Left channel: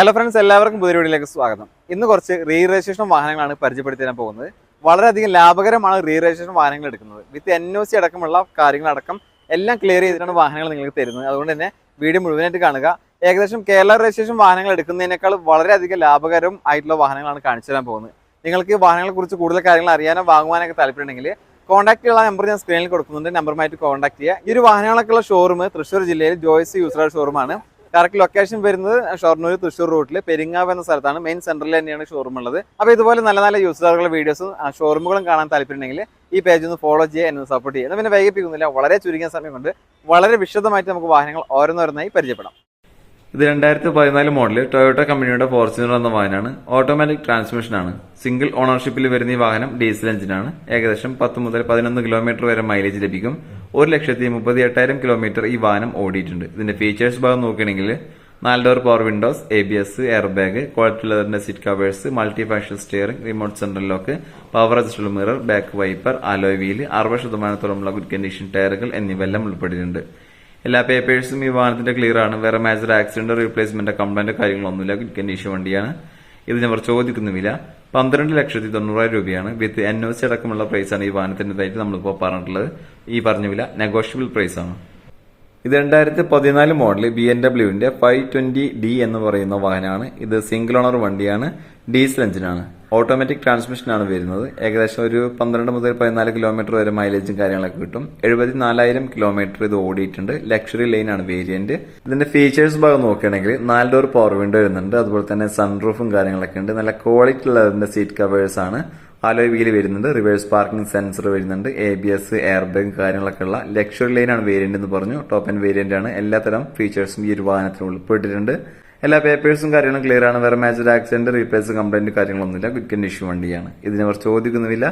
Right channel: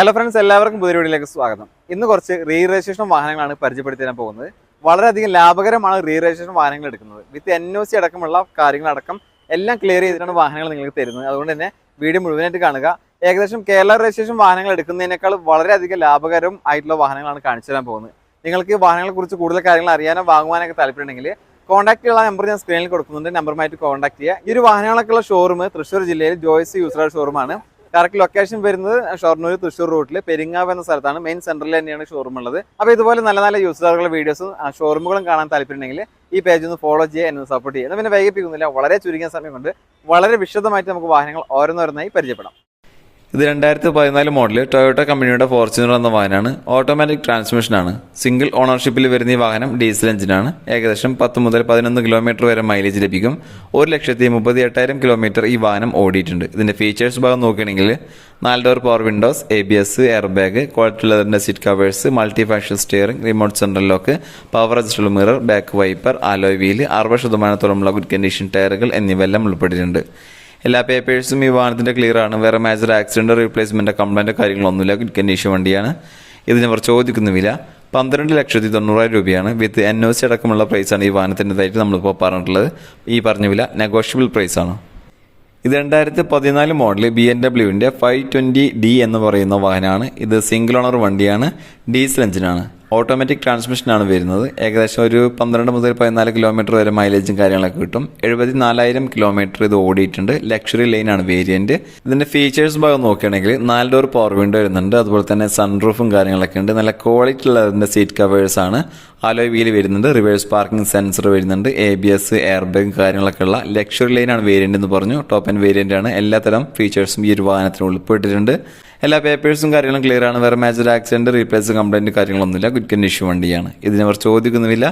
Hello friends, എല്ലാവർക്കും പുതിയ വീഡിയോയിലേക്ക് സ്വാഗതം. ഇന്ന് കുറച്ച് റീ രജിസ്ട്രേഷൻ വാഹനങ്ങളാണ് പരിചയപ്പെടുത്തി തരാൻ പോകുന്നത്. വളരെയധികം ലാഭകരമാണ് റീ രജിസ്ട്രേഷൻ വാഹനങ്ങൾ എടുക്കുന്നത്. വിത്ത് NOC അടക്കമുള്ള കാര്യങ്ങളടക്കം എല്ലാം ക്ലിയർ ചെയ്തിട്ടാണ് വാഹനങ്ങൾ നിങ്ങൾക്ക് തരുന്നത്. അതുകൊണ്ട് തന്നെ വീഡിയോ മുഴുവനായിട്ട് കാണുക. ഏകദേശം കേരള രജിസ്ട്രേഷൻ വാഹനങ്ങൾ എടുക്കുന്നതിനേക്കാൾ വളരെയധികം ലാഭകരം ആയിട്ടുള്ള വാഹനങ്ങളാണ് കാണിച്ചു തരാൻ പോകുന്നത്. നിങ്ങൾക്ക് വാഹനങ്ങളെ കുറിച്ച് കൂടുതൽ കാര്യങ്ങൾ അറിയാനോ വാങ്ങുവാനൊക്കെ താല്പര്യമുണ്ടെങ്കിൽ കോൺടാക്ട് ചെയ്യുന്ന നമ്പർ ഞാൻ സ്ക്രീനിൽ കൊടുക്കുന്നുണ്ട്. നമ്പറുമായിട്ട് കോൺടാക്ട് ചെയ്യുക. ഈ ഒരു വാഹനങ്ങളൊക്കെയുള്ള ഷോറൂം തൃശ്ശൂർ ജില്ലയിൽ ജോയ്സ് യൂസർ ഷോറൂമാണ്. കറക്റ്റ് ലൊക്കേഷൻ വരുന്നത് ഷൊർണൂർ തൃശ്ശൂർ റൂട്ടിൽ പെരിങ്ങാവ് എന്ന സ്ഥലത്താണ്. മെയിൻ സെന്ററിൽ തന്നെയാണ് ഷോറൂം ഉള്ളത്. അപ്പോൾ ഇതുപോലെ നല്ല നല്ല യൂസറുകളുടെ വീഡിയോസും ഷോറൂമുകളും കാണാൻ താല്പര്യമുണ്ടെങ്കിൽ ഈ പേജ് ഒന്ന് ഫോളോ ചെയ്യുക, എന്നെ സപ്പോർട്ട് ചെയ്യുക. പിന്നെ വൈകിപ്പിക്കുന്നില്ല, വളരെ ചുരുങ്ങിയ സമയം കൊണ്ട് വളരെ വിശദമായിട്ട് നമുക്ക് വാഹനങ്ങൾ ഓരോന്നോരോന്നായി പരിചയപ്പെടാം. ഇത് 2014 മോഡൽ ടൊയോട്ട കമ്പനിയുടെ ഫോർച്യൂണർ എന്ന വാഹനമാണ്. ഓട്ടോമാറ്റിക് ട്രാൻസ്മിഷനാണ്. സിംഗിൾ ഓണർഷിപ്പിൽ വരുന്ന ഈ വാഹനം ഡീസൽ എഞ്ചിനാണ്. ഏകദേശം 10 മുതൽ 11 കിലോമീറ്റർ വരെ മൈലേജ് ലഭിക്കും. 1,38,000 കിലോമീറ്റർ ഈ വാഹനം ഓടിയിട്ടുണ്ട്. ഇതിന്റെ ഫീച്ചേഴ്സ് ഭാഗം നോക്കുകയാണെങ്കിൽ 4 door power windows, ABS, air bag, quality ലെതറിന്റെ seat covers, multi function steering, remote central lock, power adjustable mirror, back wiper, alloy wheel, 60% good condition ടയറുകൾ എന്നിവയെല്ലാം ഉൾപ്പെട്ടിട്ടുണ്ട്. എല്ലാ പേപ്പേഴ്സും ഈ വാഹനത്തിന്റെ ക്ലിയർ ആണ്. വേറെ മേജർ ആക്സിഡന്റ്, റീപ്ലേസ്മെന്റ്, കംപ്ലൈന്റ് കാര്യങ്ങളൊന്നുമില്ല. ഗുഡ് കണ്ടീഷൻ വണ്ടിയാണ്. ഇതിന് അവർ ചോദിക്കുന്ന വില 12,90,000 രൂപയാണ്. വിത്ത് NOC അടക്കമുള്ള പ്രൈസാണ് ഈ വാഹനത്തിൻ്റെതായിട്ട് നമ്മളിപ്പോൾ പറഞ്ഞിട്ടുള്ളത്. ഈ പറഞ്ഞ വില നെഗോഷ്യബിൾ പ്രൈസാണ്. ഇത് 2014 മോഡൽ BMW 520D എന്ന് പറയുന്ന വാഹനമാണ്. ഇത് സിംഗിൾ ഓണർ വണ്ടിയാണ്. ഡീസൽ എഞ്ചിനാണ്. ഓട്ടോമാറ്റിക് ട്രാൻസ്മിഷനാണ് വരുന്നത്. ഏകദേശം ഒരു 12 മുതൽ 14 കിലോമീറ്റർ വരെ മൈലേജും കാര്യങ്ങളൊക്കെ കിട്ടും. 74,000 കിലോമീറ്റർ ഇത് ഓടിയിട്ടുണ്ട്. ലക്ഷറി ലൈനാണ് വേരിയന്റ്. ഇതിന്റെ ഫീച്ചേഴ്സ് ഭാഗം നോക്കുകയാണെങ്കിൽ 4 ഡോർ പവർ വിൻഡോ വരുന്നുണ്ട്. അതുപോലെ തന്നെ സൺറൂഫും കാര്യങ്ങളൊക്കെ ഉണ്ട്. നല്ല ക്വാളിറ്റി ഉള്ള ഇതിന്റെ സീറ്റ് കവേഴ്സ് ആണ്. ആലോയ് വീല് വരുന്നുണ്ട്. റിവേഴ്സ് പാർക്കിംഗ് സെൻസർ വരുന്നുണ്ട്. ABS, എയർ ബാഗ് കാര്യങ്ങളൊക്കെ ഉള്ള ലക്ഷറി ലൈനാണ് വേരിയന്റ് എന്ന് പറഞ്ഞു. ടോപ്പ് ആൻഡ് വേരിയന്റ് ആണ്. എല്ലാത്തരം ഫീച്ചേഴ്സും ഈ ഒരു വാഹനത്തിന് ഉൾപ്പെട്ടിട്ടുണ്ട്. എല്ലാ പേപ്പേഴ്സും കാര്യങ്ങളും ക്ലിയർ ആണ്. വേറെ മേജർ ആക്സിഡന്റ്, റീപ്ലേസ്, കംപ്ലൈന്റ് കാര്യങ്ങളൊന്നുമില്ല. ഗുഡ് കണ്ടീഷൻ വണ്ടിയാണ്. ഇതിന് അവർ ചോദിക്കുന്നില്ല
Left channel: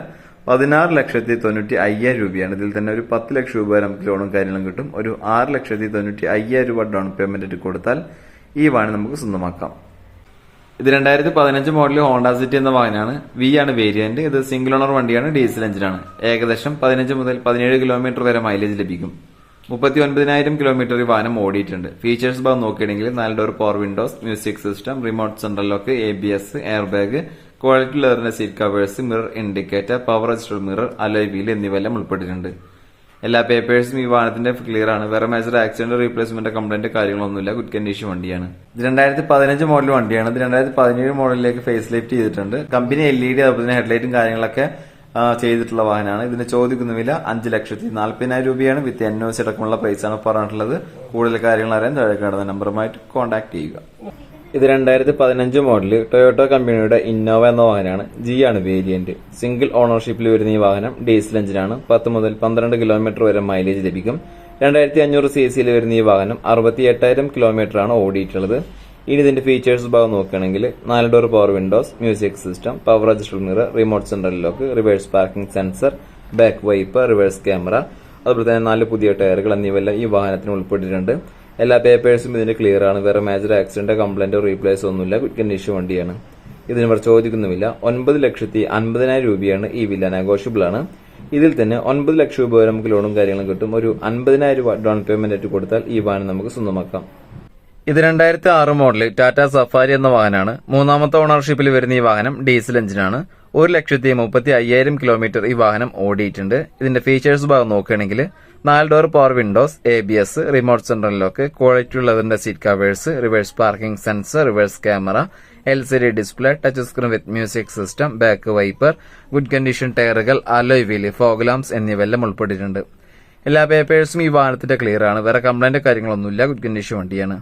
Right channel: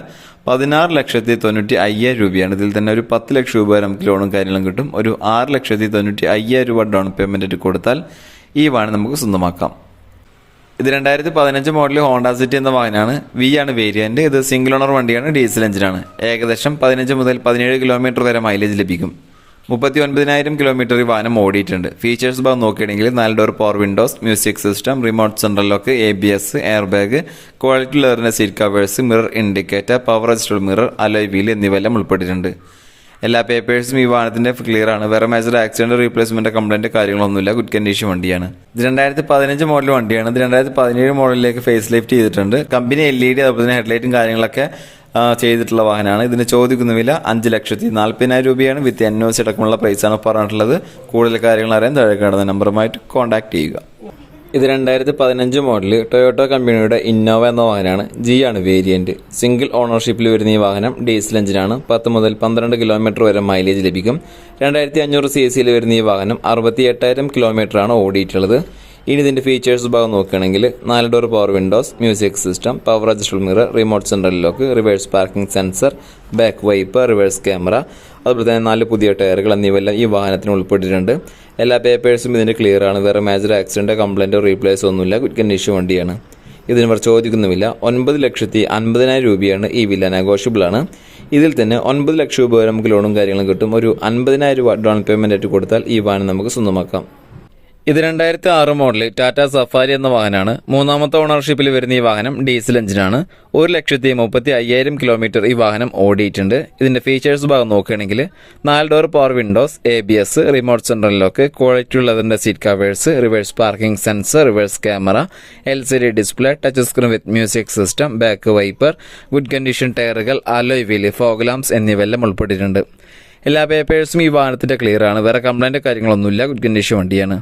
16,90,000 രൂപയാണ്. ഇതിൽ തന്നെ ഒരു 10 ലക്ഷം രൂപ വരെ നമുക്ക് ലോണും കാര്യങ്ങളും കിട്ടും. ഒരു 6,90,000 രൂപ ഡൗൺ പേയ്മെന്റ് കൊടുത്താൽ ഈ വാഹനം നമുക്ക് സ്വന്തമാക്കാം. ഇത് 2015 മോഡൽ ഹോണ്ട സിറ്റി എന്ന വാഹനമാണ്. V ആണ് വേരിയന്റ്. ഇത് സിംഗിൾ ഓണർ വണ്ടിയാണ്. ഡീസൽ എഞ്ചിനാണ്. ഏകദേശം 15 മുതൽ 17 കിലോമീറ്റർ വരെ മൈലേജ് ലഭിക്കും. 39,000 കിലോമീറ്റർ ഈ വാഹനം ഓടിയിട്ടുണ്ട്. ഫീച്ചേഴ്സ് ഭാഗം നോക്കുകയാണെങ്കിൽ 4 door power windows, music system, remote central lock, ABS, air bag, quality ലെതറിന്റെ seat covers, mirror indicator, power adjustable mirror, alloy wheel എന്നിവയെല്ലാം ഉൾപ്പെട്ടിട്ടുണ്ട്. എല്ലാ പേപ്പേഴ്സും ഈ വാഹനത്തിന്റെ ക്ലിയർ ആണ്. വേറെ മേജർ ആക്സിഡന്റ്, റീപ്ലേസ്മെന്റ്, കംപ്ലൈന്റ് കാര്യങ്ങളൊന്നുമില്ല. ഗുഡ് കണ്ടീഷൻ വണ്ടിയാണ്. ഇത് 2015 മോഡൽ വണ്ടിയാണ്. ഇത് 2017 മോഡലിലേക്ക് ഫേസ് ലിഫ്റ്റ് ചെയ്തിട്ടുണ്ട്. കമ്പനി LED അതുപോലെ തന്നെ ഹെഡ്ലൈറ്റും കാര്യങ്ങളൊക്കെ ചെയ്തിട്ടുള്ള വാഹനമാണ്. ഇതിന് ചോദിക്കുന്ന വില 5,40,000 രൂപയാണ്. വിത്ത് NOC അടക്കമുള്ള പ്രൈസാണ് പറഞ്ഞിട്ടുള്ളത്. കൂടുതൽ കാര്യങ്ങൾ അറിയാൻ താഴെ കാണുന്ന നമ്പറുമായിട്ട് കോൺടാക്ട് ചെയ്യുക. ഇത് 2015 മോഡൽ ടൊയോട്ട കമ്പനിയുടെ ഇന്നോവ എന്ന വാഹനമാണ്. G ആണ് വേരിയന്റ്. സിംഗിൾ ഓണർഷിപ്പിൽ വരുന്ന ഈ വാഹനം ഡീസൽ എഞ്ചിനാണ്. 10 മുതൽ 12 കിലോമീറ്റർ വരെ മൈലേജ് ലഭിക്കും. 2,500 cc വരുന്ന ഈ വാഹനം 68,000 കിലോമീറ്റർ ആണ് ഓടിയിട്ടുള്ളത്. ഇനി ഇതിന്റെ ഫീച്ചേഴ്സ് ഭാഗം നോക്കുകയാണെങ്കിൽ 4 door power windows, music system, power adjustable mirror, remote central lock, reverse parking sensor, back wiper, reverse camera, അതുപോലെ തന്നെ 4 പുതിയ ടയറുകൾ എന്നിവയെല്ലാം ഈ വാഹനത്തിന് ഉൾപ്പെട്ടിട്ടുണ്ട്. എല്ലാ പേപ്പേഴ്സും ഇതിന്റെ ക്ലിയർ ആണ്. വേറെ മേജർ ആക്സിഡന്റ്, കംപ്ലൈന്റോ റീപ്ലേസോ ഒന്നുമില്ല. ഗുഡ് കണ്ടീഷൻ വണ്ടിയാണ്. ഇതിന് ഇവർ ചോദിക്കുന്ന വില 9,50,000 രൂപയാണ്. ഈ വില നെഗോഷ്യബിൾ ആണ്. ഇതിൽ തന്നെ 9 ലക്ഷം രൂപ വരെ നമുക്ക് ലോണും കാര്യങ്ങളും കിട്ടും. ഒരു 50,000 രൂപ ഡൗൺ പേയ്മെന്റ് ആയിട്ട് കൊടുത്താൽ ഈ വാഹനം നമുക്ക് സ്വന്തമാക്കാം. ഇത് 2006 മോഡൽ ടാറ്റ സഫാരി എന്ന വാഹനമാണ്. 3ാമത്തെ ഓണർഷിപ്പിൽ വരുന്ന ഈ വാഹനം ഡീസൽ എഞ്ചിനാണ്. 1,35,000 കിലോമീറ്റർ ഈ വാഹനം ഓടിയിട്ടുണ്ട്. ഇതിന്റെ ഫീച്ചേഴ്സ് ഭാഗം നോക്കുകയാണെങ്കിൽ 4 door power windows, ABS, remote central lock, quality ഉള്ളതിന്റെ seat covers, reverse parking sensor, reverse camera, LCD display, touch screen with music system, back wiper, good condition ടയറുകൾ, അലോയ് വീല്, ഫോഗ് ലാംപ്സ് എന്നിവയെല്ലാം ഉൾപ്പെട്ടിട്ടുണ്ട്. എല്ലാ പേപ്പേഴ്സും ഈ വാഹനത്തിന്റെ ക്ലിയർ ആണ്. വേറെ കംപ്ലൈന്റ് കാര്യങ്ങളൊന്നുമില്ല. ഗുഡ് കണ്ടീഷൻ വണ്ടിയാണ്.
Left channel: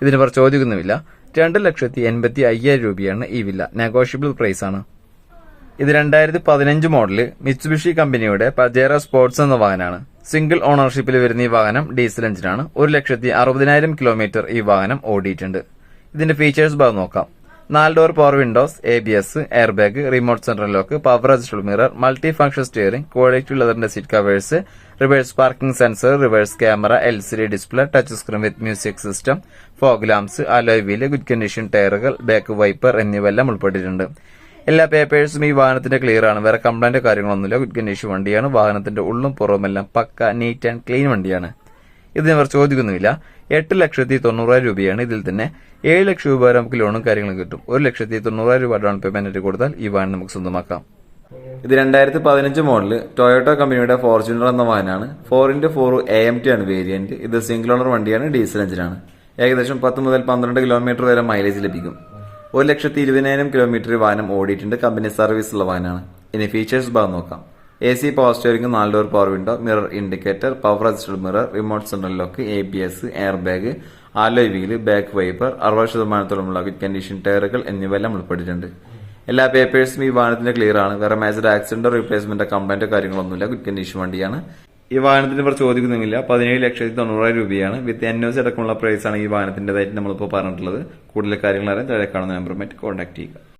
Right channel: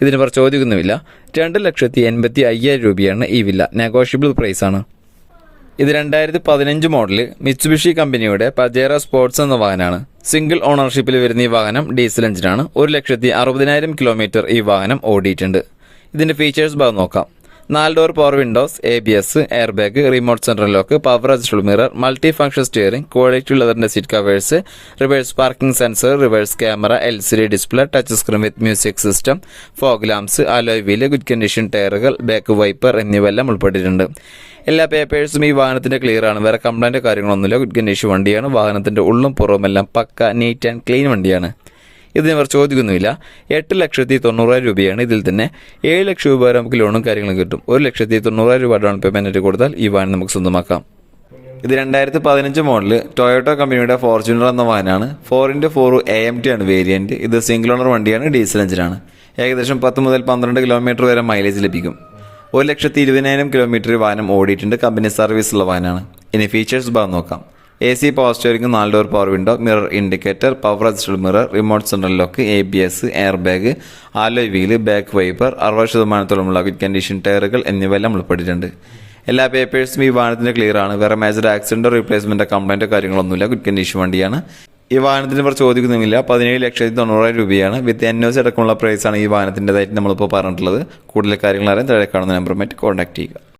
ഇതിന് അവർ ചോദിക്കുന്നുമില്ല 2,80,000 രൂപയാണ്. ഈ വില നെഗോഷ്യബിൾ പ്രൈസാണ്. ഇത് 2015 മോഡൽ മിത്സുബിഷി കമ്പനിയുടെ പജേറോ സ്പോർട്സ് എന്ന വാഹനമാണ്. സിംഗിൾ ഓണർഷിപ്പിൽ വരുന്ന ഈ വാഹനം ഡീസൽ എഞ്ചിനാണ്. 1,60,000 കിലോമീറ്റർ ഈ വാഹനം ഓടിയിട്ടുണ്ട്. ഇതിന്റെ ഫീച്ചേഴ്സ് ഭാഗം നോക്കാം. 4 door power windows, ABS, air bag, remote central lock, power adjustable mirror, multi function steering, quality ലെതറിന്റെ seat covers, reverse parking sensor, reverse camera, LCD display, touch screen with music system, fog lamps, alloy wheel, good condition ടയറുകൾ, back wiper എന്നിവയെല്ലാം ഉൾപ്പെട്ടിട്ടുണ്ട്. എല്ലാ പേപ്പേഴ്സും ഈ വാഹനത്തിന്റെ clear ആണ്. വേറെ കംപ്ലൈന്റ് കാര്യങ്ങളൊന്നുമില്ല. ഗുഡ് കണ്ടീഷൻ വണ്ടിയാണ്. വാഹനത്തിന്റെ ഉള്ളും പുറവുമെല്ലാം പക്ക നീറ്റ് ആൻഡ് ക്ലീൻ വണ്ടിയാണ്. ഇതിനവർ ചോദിക്കുന്നുമില്ല. 8,90,000 രൂപയാണ്. ഇതിൽ തന്നെ 7 ലക്ഷം രൂപ വരെ നമുക്ക് ലോണും കാര്യങ്ങളും കിട്ടും. 1,90,000 രൂപ ഡൗൺ പേയ്മെന്റ് കൊടുത്താൽ ഈ വാഹനം നമുക്ക് സ്വന്തമാക്കാം. ഇത് 2015 മോഡല് ടൊയോട്ടോ കമ്പനിയുടെ ഫോർച്യൂണർ എന്ന വാഹനമാണ്. 4x4 AMT ആണ് വേരിയന്റ്. ഇത് സിംഗിൾ ഓണർ വണ്ടിയാണ്, ഡീസൽ എഞ്ചിനാണ്. ഏകദേശം 10 മുതൽ 12 കിലോമീറ്റർ വരെ മൈലേജ് ലഭിക്കും. 1,20,000 കിലോമീറ്റർ വാഹനം ഓടിയിട്ടുണ്ട്. കമ്പനി സർവീസ് ഉള്ള വാഹനമാണ്. ഇനി ഫീച്ചേഴ്സ് ഭാഗം നോക്കാം. AC power steering, 4 door power window, mirror indicator, power adjustable mirror, remote central lock, ABS, air bag, alloy wheel, back wiper, 60%-ഓളമുള്ള ഗുഡ് കണ്ടീഷൻ ടയറുകൾ എന്നിവയെല്ലാം ഉൾപ്പെട്ടിട്ടുണ്ട്. എല്ലാ പേപ്പേഴ്സും ഈ വാഹനത്തിന് ക്ലിയർ ആണ്. വേറെ മേജർ ആക്സിഡന്റോ റീപ്ലേസ്മെന്റോ കംപ്ലൈന്റോ കാര്യങ്ങളൊന്നുമില്ല. ഗുഡ് കണ്ടീഷൻ വണ്ടിയാണ്. ഈ വാഹനത്തിന് ഇവർ ചോദിക്കുന്നില്ല. 17,90,000 രൂപയാണ്. വിത്ത് NOC അടക്കമുള്ള പ്രൈസാണ് ഈ വാഹനത്തിൻ്റെതായിട്ട് നമ്മളിപ്പോൾ പറഞ്ഞിട്ടുള്ളത്. കൂടുതൽ കാര്യങ്ങൾ അറിയാൻ താഴെ കാണുന്ന നമ്പറുമായിട്ട് കോൺടാക്ട് ചെയ്യുക.